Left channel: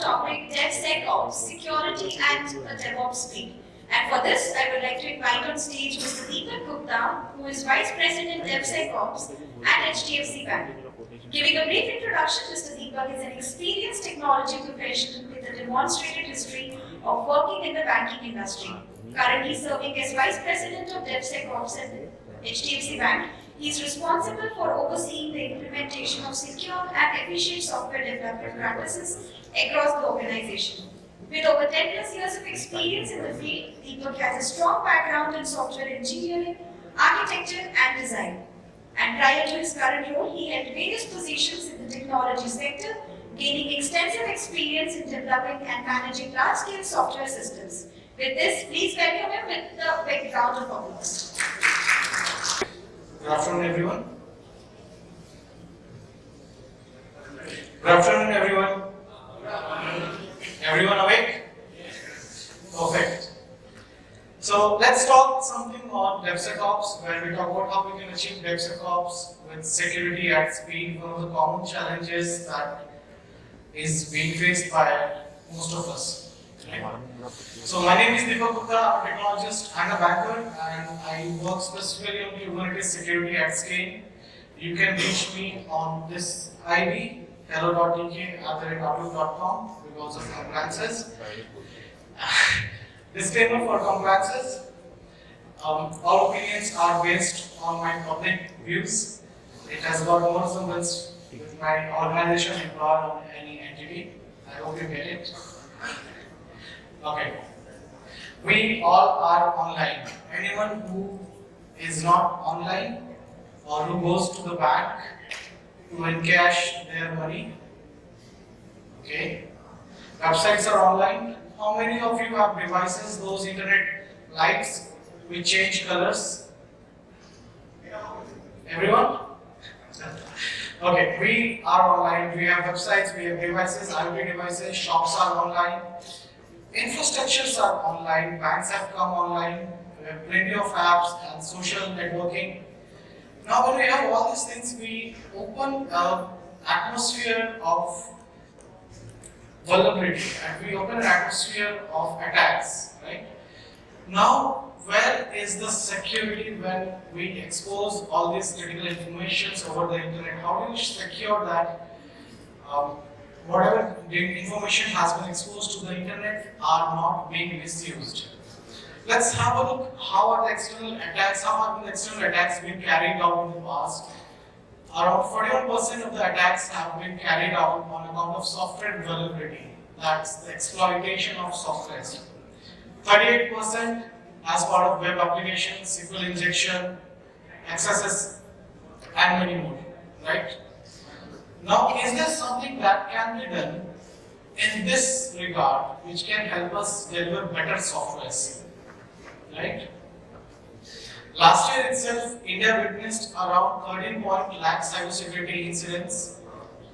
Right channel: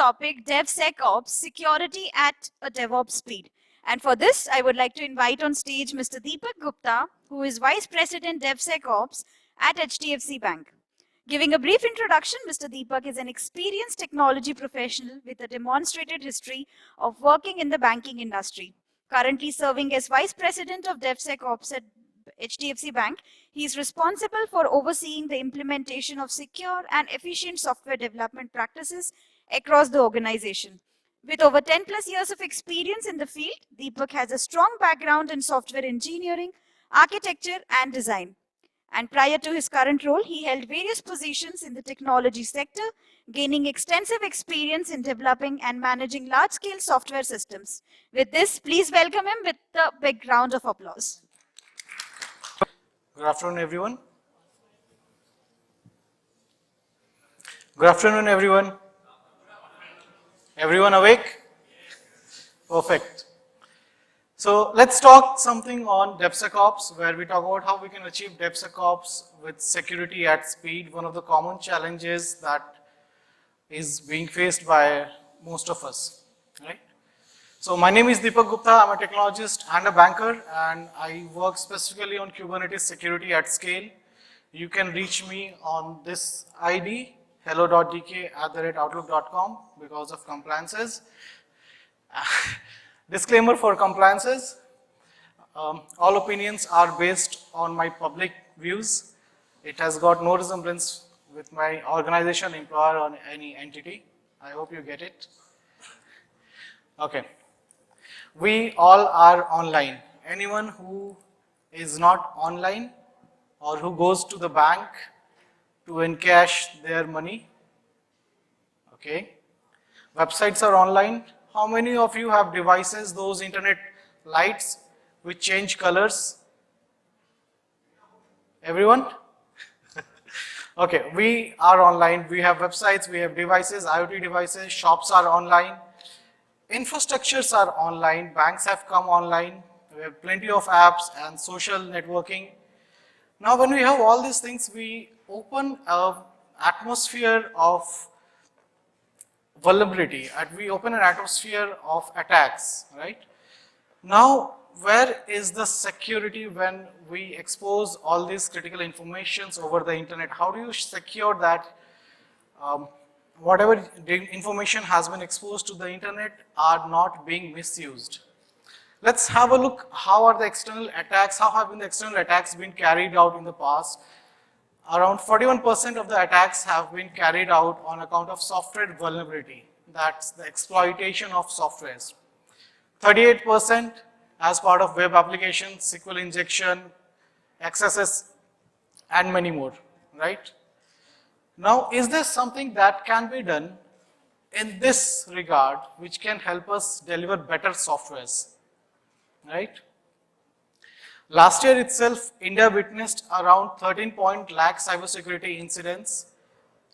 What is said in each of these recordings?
topic DevSecOps, security at a DevOps speed. And for this, I would like to invite on stage Mr. Deepak Gupta, who is Vice President DevSecOps at HDFC Bank. Giving a brief introduction, Mr. Deepak is an experienced technology professional with a demonstrated history of working in the banking industry. Currently serving as Vice President of DevSecOps at HDFC Bank, he is responsible for overseeing the implementation of secure and efficient software development practices across the organization. With over 10 plus years of experience in the field, Deepak has a strong background in software engineering, architecture and design. And prior to his current role, he held various positions in the technology sector, gaining extensive experience in developing and managing large-scale software systems. With this, please welcome him with a big round of applause. Good afternoon, everyone. Good afternoon, everyone. Everyone awake? Perfect. So let's talk something on DevSecOps, where we talk about how we can achieve DevSecOps with security at speed. One of the common challenges that is being faced by most of us. Right? So my name is Deepak Gupta. I'm a technologist and a banker, and I work specifically on Kubernetes security at scale. You can reach me on this ID, 𝗘𝗱𝗃𝗢𝗃𝗀𝗃 because of compliances. Disclaimer for compliances. All opinions are based on my public views. It has got no resemblance with my organization, employer, or any entity. I hope you get it. Okay. We all are online. Anyone who is not online or who goes to the bank to encash their money, okay. Websites are online. How many of you have devices, those internet lights which change colors? Everyone? Okay, we are online. We have websites, we have devices, IoT devices, shops are online. Infrastructures are online, banks have come online, we have plenty of apps and social networking. Now when we have all these things, we open an atmosphere of vulnerability, and we open an atmosphere of attacks, right? Now, where is the security when we expose all this critical information over the internet? How do you secure that whatever information has been exposed to the internet are not being misused? Let's have a look. How are the external attacks? How have the external attacks been carried out in the past? Around 41% of the attacks have been carried out on account of software vulnerability. That's the exploitation of software. 38% as part of web applications, SQL injection, accesses, and many more. Right? Now, is there something that can be done in this regard which can help us deliver better softwares? Right? Last year itself, India witnessed around 13 lakh cybersecurity incidents.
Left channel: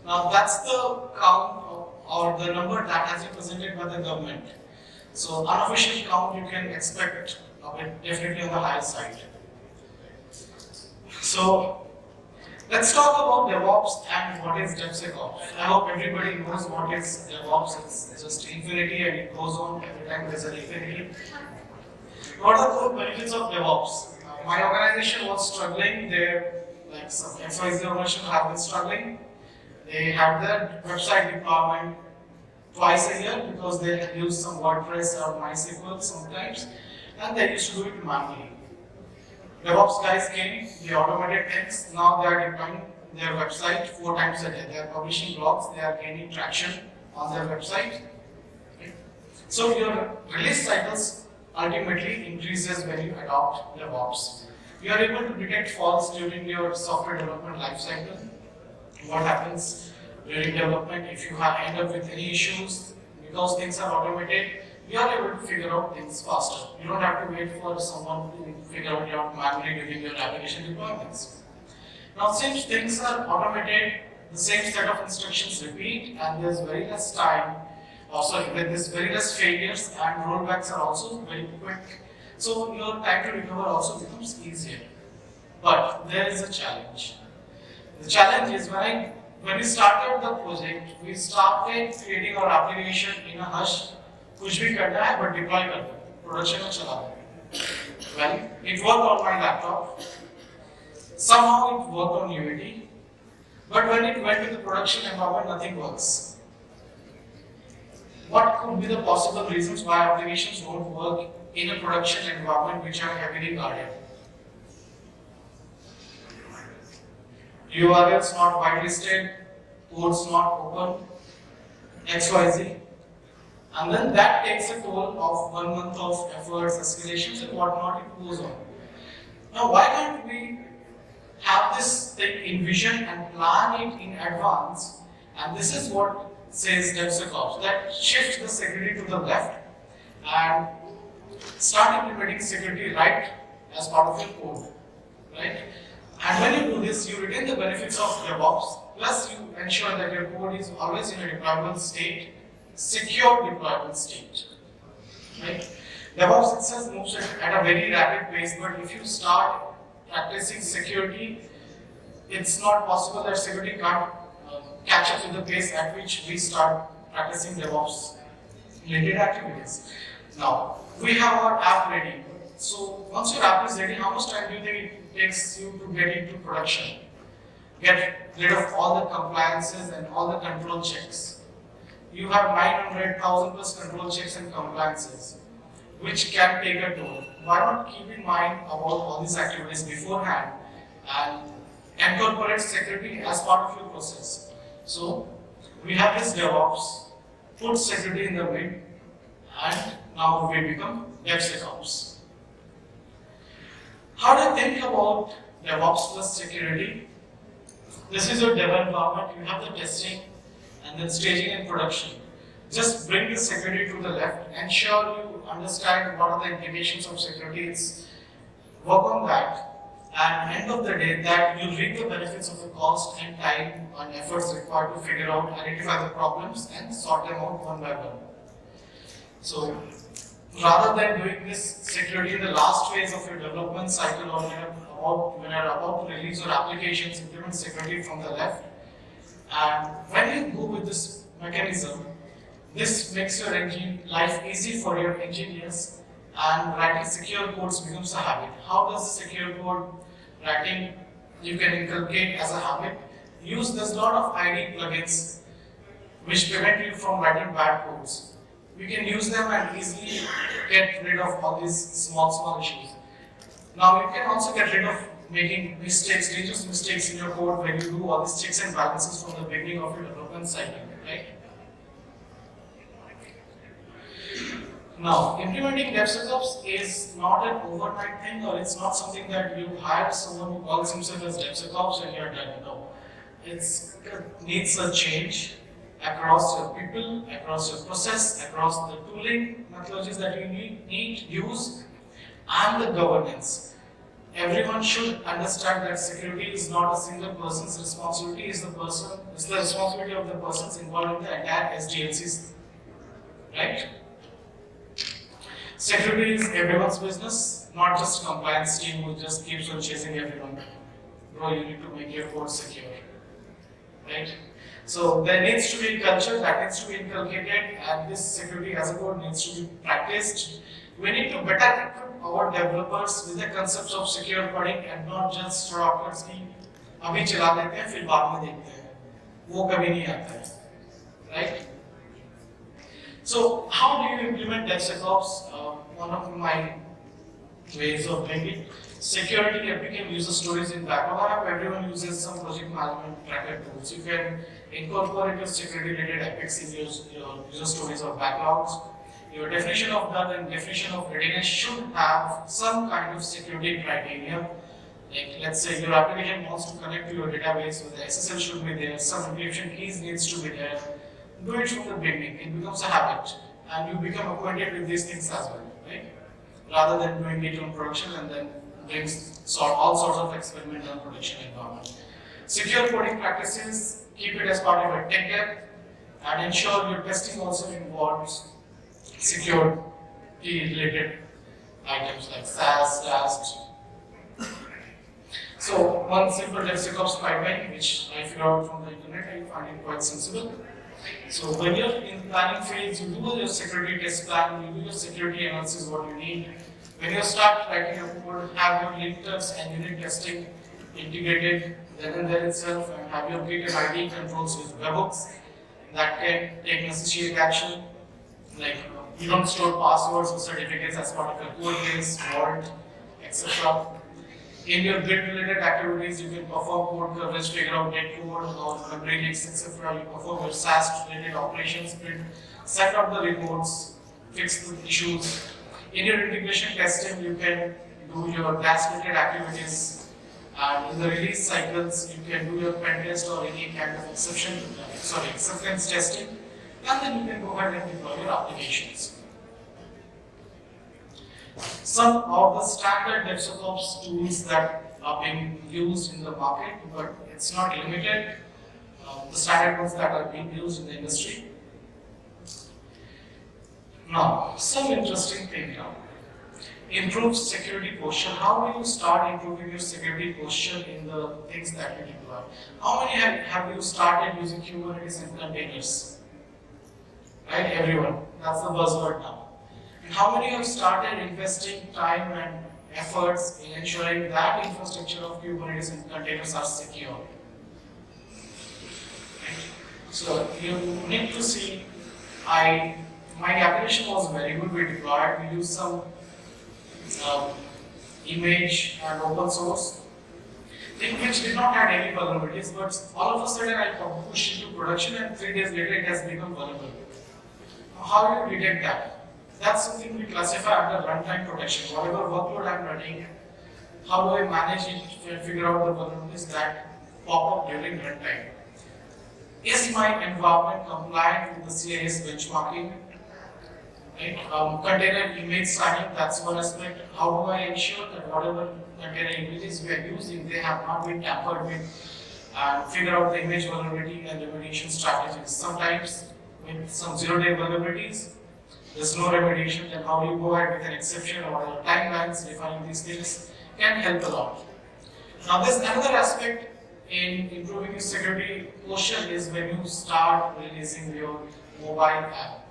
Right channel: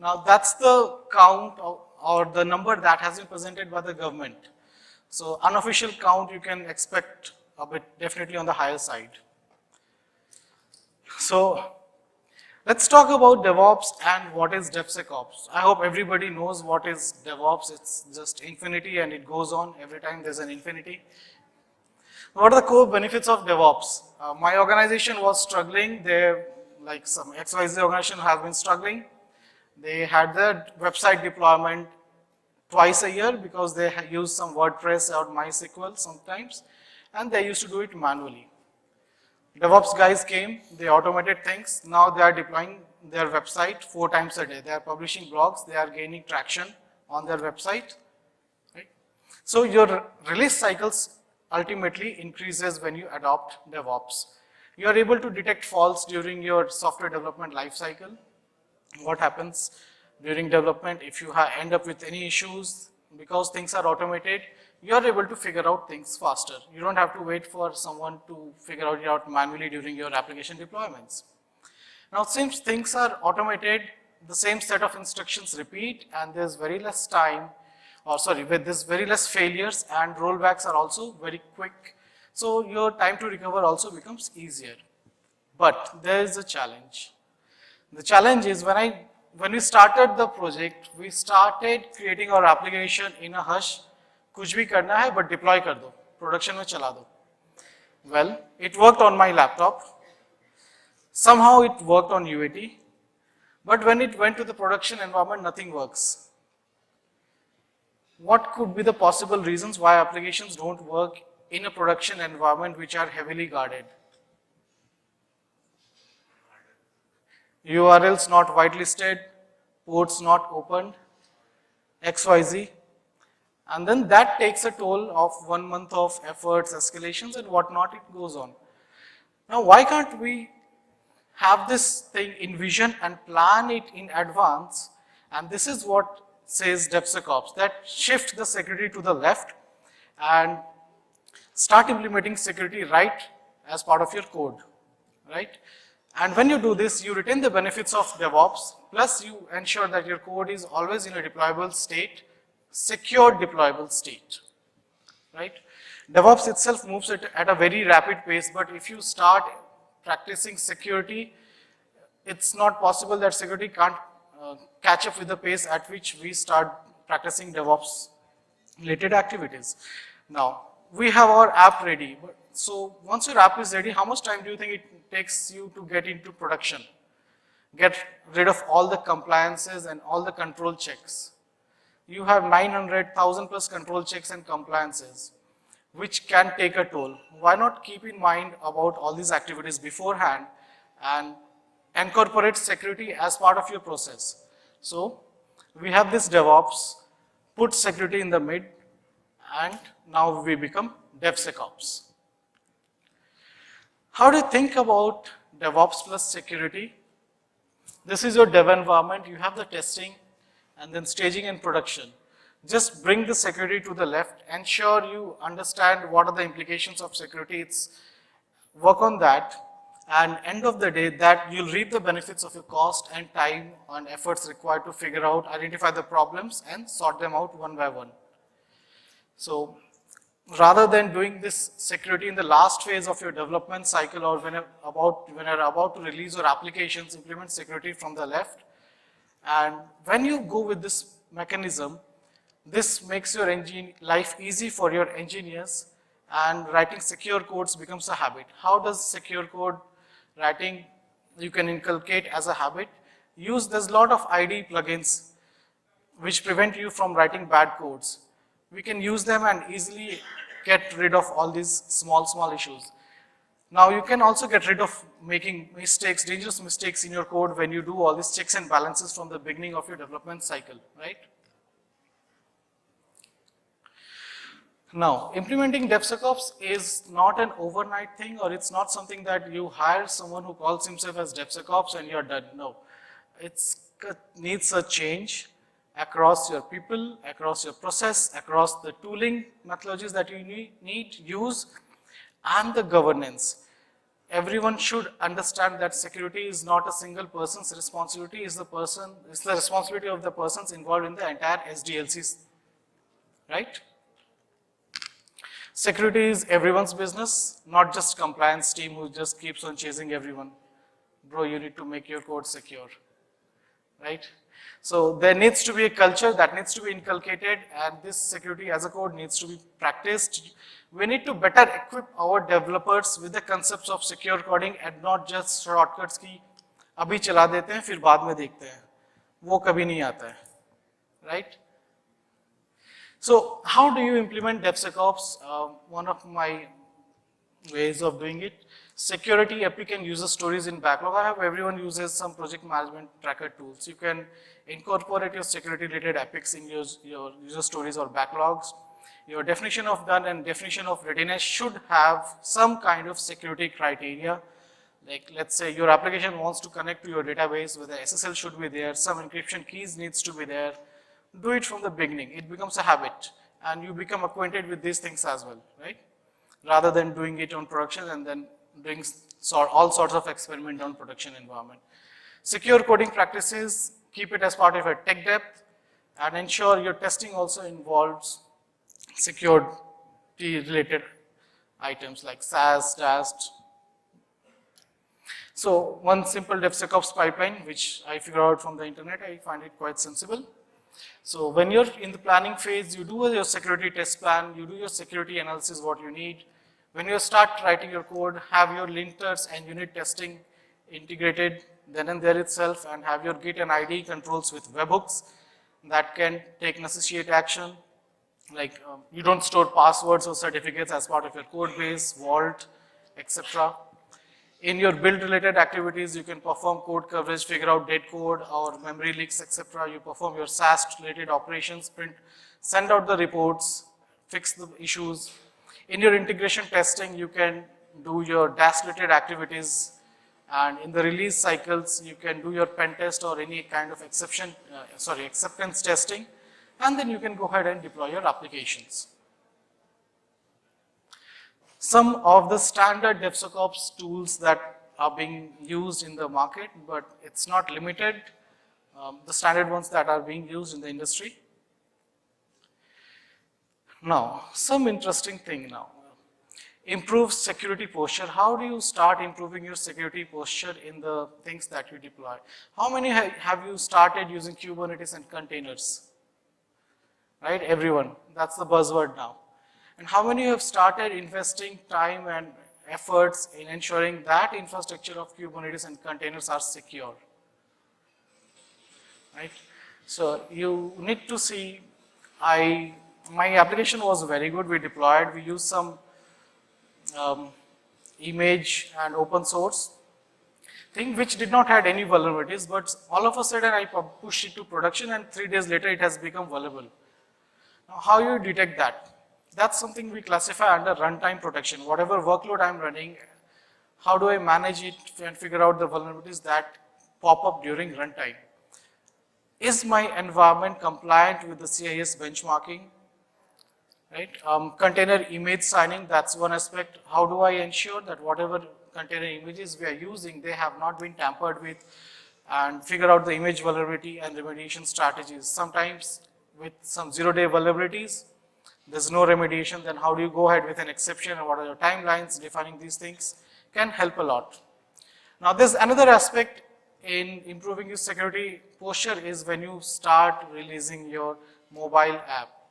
Now, that's the count or the number that has been presented by the government. So, unofficial count you can expect a bit definitely on the higher side. So, let's talk about DevOps and what is DevSecOps. I hope everybody knows what is DevOps. It's just infinity and it goes on every time there's an infinity. What are the core benefits of DevOps? My organization was struggling. Like some XYZ organization has been struggling. They had their website deployment twice a year because they had used some WordPress or MySQL sometimes, and they used to do it manually. DevOps guys came, they automated things. Now they are deploying their website 4 times a day. They are publishing blogs, they are gaining traction on their website. So your release cycles ultimately increases when you adopt DevOps. You are able to detect faults during your software development lifecycle. What happens during development if you end up with any issues? Because things are automated, you are able to figure out things faster. You don't have to wait for someone to figure it out manually during your application deployments. Now, since things are automated, the same set of instructions repeat, and there's very less time. With this very less failures, and rollbacks are also very quick. So your time to recover also becomes easier. But there is a challenge. The challenge is when when we started the project, we started creating our application in a hush. कुछ भी करना है but deploy कर दो, production में चला दो. Well, it worked on my laptop. Somehow it worked on UAT, but when it went to the production environment, nothing works. What could be the possible reasons why applications don't work in a production environment which are heavily guarded? URLs not whitelisted, ports not open, XYZ. And then that takes a toll of 1 month of efforts, escalations and whatnot, it goes on. Now why can't we have this thing envision and plan it in advance? And this is what says DevSecOps, that shift the security to the left and start implementing security right as part of your code, right? And when you do this, you retain the benefits of DevOps, plus you ensure that your code is always in a deployable state, secure deployable state, right? DevOps itself moves at a very rapid pace, but if you start practicing security, it's not possible that security can't catch up with the pace at which we start practicing DevOps related activities. Now, we have our app ready. So once your app is ready, how much time do you think it takes you to get into production? Get rid of all the compliances and all the control checks. You have 900,000 plus control checks and compliances, which can take a toll. Why not keep in mind about all these activities beforehand and incorporate security as part of your process? So we have this DevOps, put security in the mid, and now we become DevSecOps. How do you think about DevOps plus security? This is your dev environment, you have the testing and then staging and production. Just bring the security to the left, ensure you understand what are the implications of security, work on that, and end of the day that you'll reap the benefits of the cost and time and efforts required to figure out, identify the problems and sort them out one by one. So rather than doing this security in the last phase of your development cycle or when you're about to release your applications, implement security from the left. And when you go with this mechanism, this makes your life easy for your engineers, and writing secure codes becomes a habit. How does secure code writing you can inculcate as a habit? There's a lot of IDE plugins which prevent you from writing bad codes. We can use them and easily get rid of all these small issues. Now you can also get rid of making mistakes, dangerous mistakes in your code when you do all these checks and balances from the beginning of your development cycle, right? Now, implementing DevSecOps is not an overnight thing, or it's not something that you hire someone who calls himself as DevSecOps and you're done. No, it needs a change across your people, across your process, across the tooling methodologies that you need to use, and the governance. Everyone should understand that security is not a single person's responsibility, it's the responsibility of the persons involved in the entire SDLCs, right? Security is everyone's business, not just compliance team who just keeps on chasing everyone. Bro, you need to make your code secure, right? So there needs to be a culture that needs to be inculcated, and this security as a code needs to be practiced. We need to better equip our developers with the concepts of secure coding and not just shortcuts की अभी चला देते हैं फिर बाद में देखते हैं, वो कभी नहीं आता है, right? So how do you implement DevSecOps? One of my ways of doing it, security applicant user stories in backlog. Everyone uses some project management tracker tools. You can incorporate your security related epics in your user stories or backlogs. Your definition of done and definition of readiness should have some kind of security criteria. Like, let's say your application wants to connect to your database, with the SSL should be there, some encryption keys needs to be there. Do it from the beginning. It becomes a habit, and you become acquainted with these things as well, right? Rather than doing it on production and then doing all sorts of experiment on production environment. Secure coding practices, keep it as part of your tech debt, and ensure your testing also involves security related items like SaaS, DAST. So one simple DevSecOps pipeline, which I figured out from the internet, I find it quite sensible. So when you're in the planning phase, you do your security test plan, you do your security analysis, what you need. When you start writing your code, have your linters and unit testing integrated then and there itself, and have your Git and ID controls with webhooks that can take necessary action. Like you don't store passwords or certificates as part of your code base, vault, etc. In your build related activities, you can perform code coverage, figure out dead code or memory leaks, etc. You perform your SAST related operations, send out the reports, fix the issues. In your integration testing, you can do your task related activities. And in the release cycles, you can do your pen test or any kind of acceptance testing, and then you can go ahead and deploy your applications. Some of the standard DevSecOps tools that are being used in the market, but it's not limited. The standard ones that are being used in the industry. Now, some interesting thing now. Improve security posture. How do you start improving your security posture in the things that you deploy? How many have you started using Kubernetes and containers? Right, everyone. That's the buzzword now. And how many have started investing time and efforts in ensuring that infrastructure of Kubernetes and containers are secure? Right? So you need to see, my application was very good. We deployed, we used some image and open source thing which did not have any vulnerabilities, but all of a sudden I pushed into production and 3 days later it has become vulnerable. How do you detect that? That's something we classify under runtime protection. Whatever workload I'm running, how do I manage it and figure out the vulnerabilities that pop up during runtime? Is my environment compliant with the CIS benchmarking? Right? Container image signing, that's one aspect. How do I ensure that whatever container images we are using, they have not been tampered with, and figure out the image vulnerability and remediation strategies. Sometimes with some zero-day vulnerabilities, there's no remediation, then how do you go ahead with an exception or what are the timelines, defining these things can help a lot. Now there's another aspect in improving your security posture is when you start releasing your mobile app.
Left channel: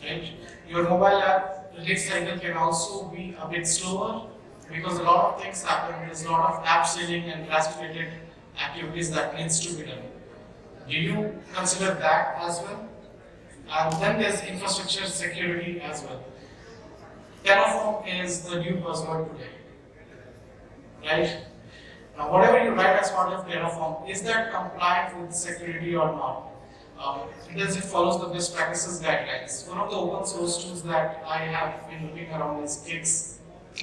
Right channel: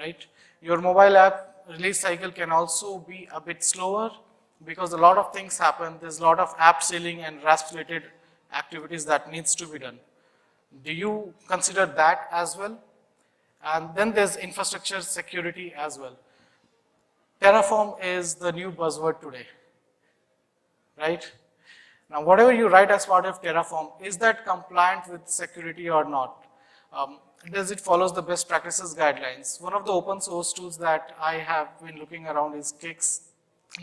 Right? Your mobile app release cycle can also be a bit slower because a lot of things happen. There's a lot of app sharing and REST related activities that needs to be done. Do you consider that as well? And then there's infrastructure security as well. Terraform is the new buzzword today. Right? Now whatever you write as part of Terraform, is that compliant with security or not? Because it follows the best practices guidelines. One of the open source tools that I have been looking around is Kix.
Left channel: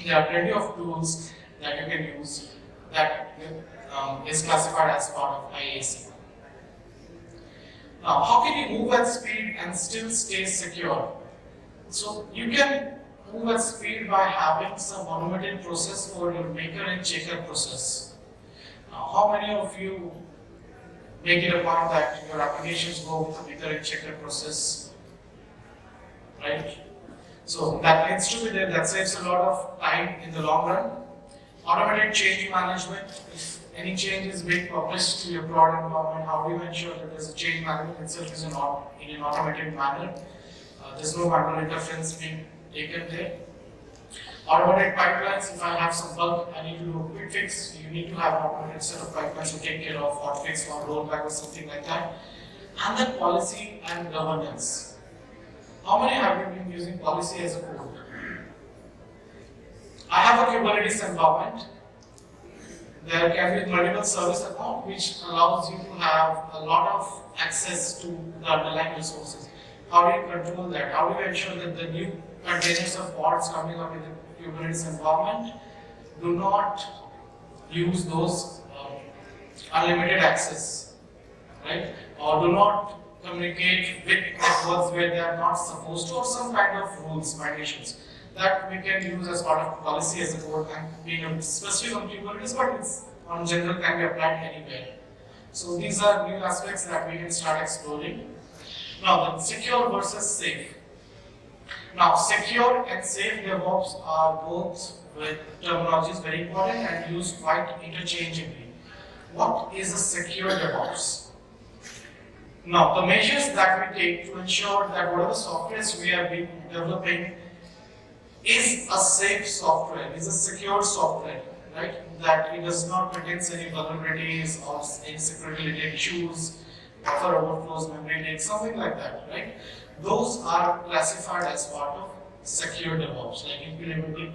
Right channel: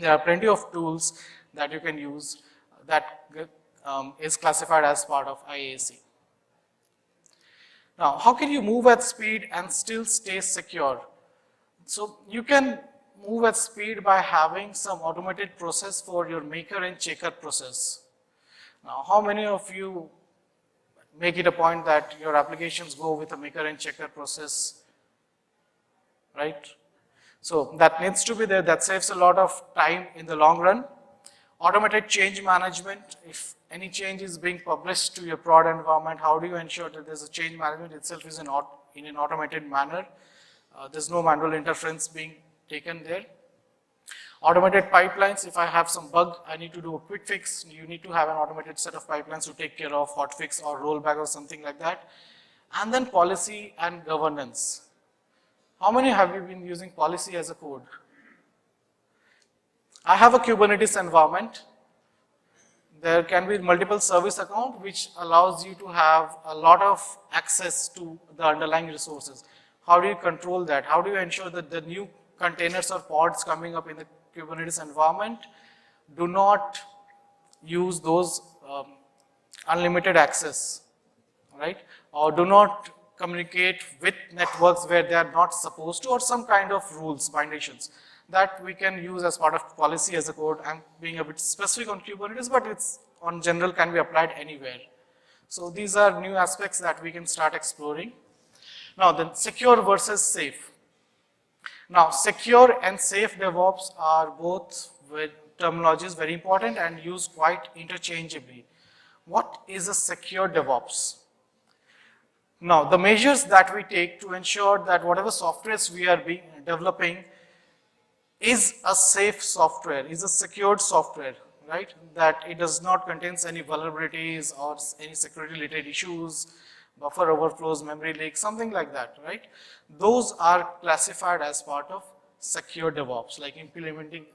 There are plenty of tools that you can use that is classified as part of IAC. Now, how can you move at speed and still stay secure? So you can move at speed by having some automated process for your maker and checker process. Now, how many of you make it a point that your applications go with a maker and checker process, right? So that needs to be there. That saves a lot of time in the long run. Automated change management. If any change is being published to your prod environment, how do you ensure that there's a change management itself is in an automated manner? There's no manual interference being taken there. Automated pipelines, if I have some bug, I need to do a quick fix, you need to have an automated set of pipelines to take care of hotfix or rollback or something like that. And then policy and governance. How many have you been using policy as a code? I have a Kubernetes environment. There can be multiple service account which allows you to have a lot of access to the underlying resources. How do you control that? How do you ensure that the new containers or pods coming up in the Kubernetes environment do not use those unlimited access, right? Or do not communicate with networks where they are not supposed to, or some kind of rules, violations that we can use as part of policy as a code. And being a bit specific on Kubernetes, but it's on general can be applied anywhere. So these are new aspects that we can start exploring. Now then, secure versus safe. Now, secure and safe DevOps are both with terminology is very important and used quite interchangeably. What is a secure DevOps? Now, the measures that we take to ensure that whatever softwares we are developing is a safe software, is a secured software, right? That it does not contain any vulnerabilities or any security related issues, buffer overflows, memory leaks, something like that, right? Those are classified as part of secure DevOps, like implementing,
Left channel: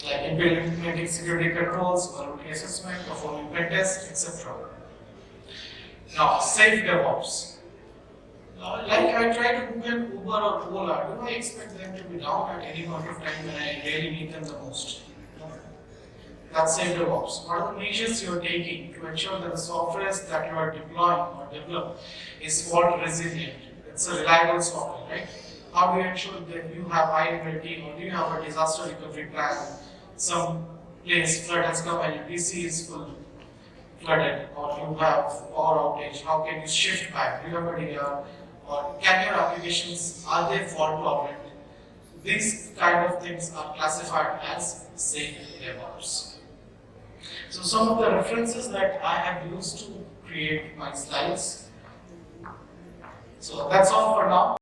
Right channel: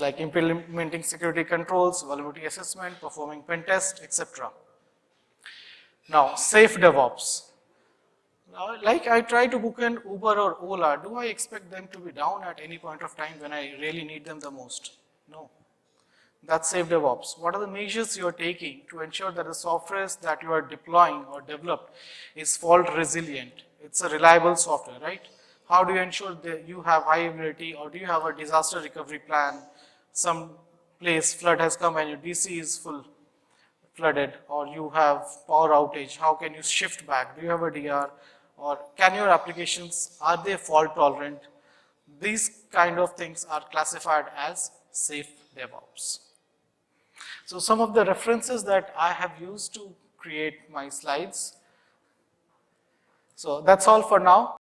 like implementing security controls, vulnerability assessment, performing pen tests, etc. Now, safe DevOps. Like I try to book an Uber or Ola, do I expect them to be down at any point of time when I really need them the most? No. That's safe DevOps. What are the measures you are taking to ensure that the softwares that you are deploying or develop is fault resilient? It's a reliable software, right? How do you ensure that you have high availability, or do you have a disaster recovery plan? Some place flood has come and PC is full flooded, or you have power outage. How can you shift back? Do you have a DR? Or can your applications, are they fault tolerant? These kind of things are classified as safe DevOps. So some of the references that I have used to create my slides. So that's all for now.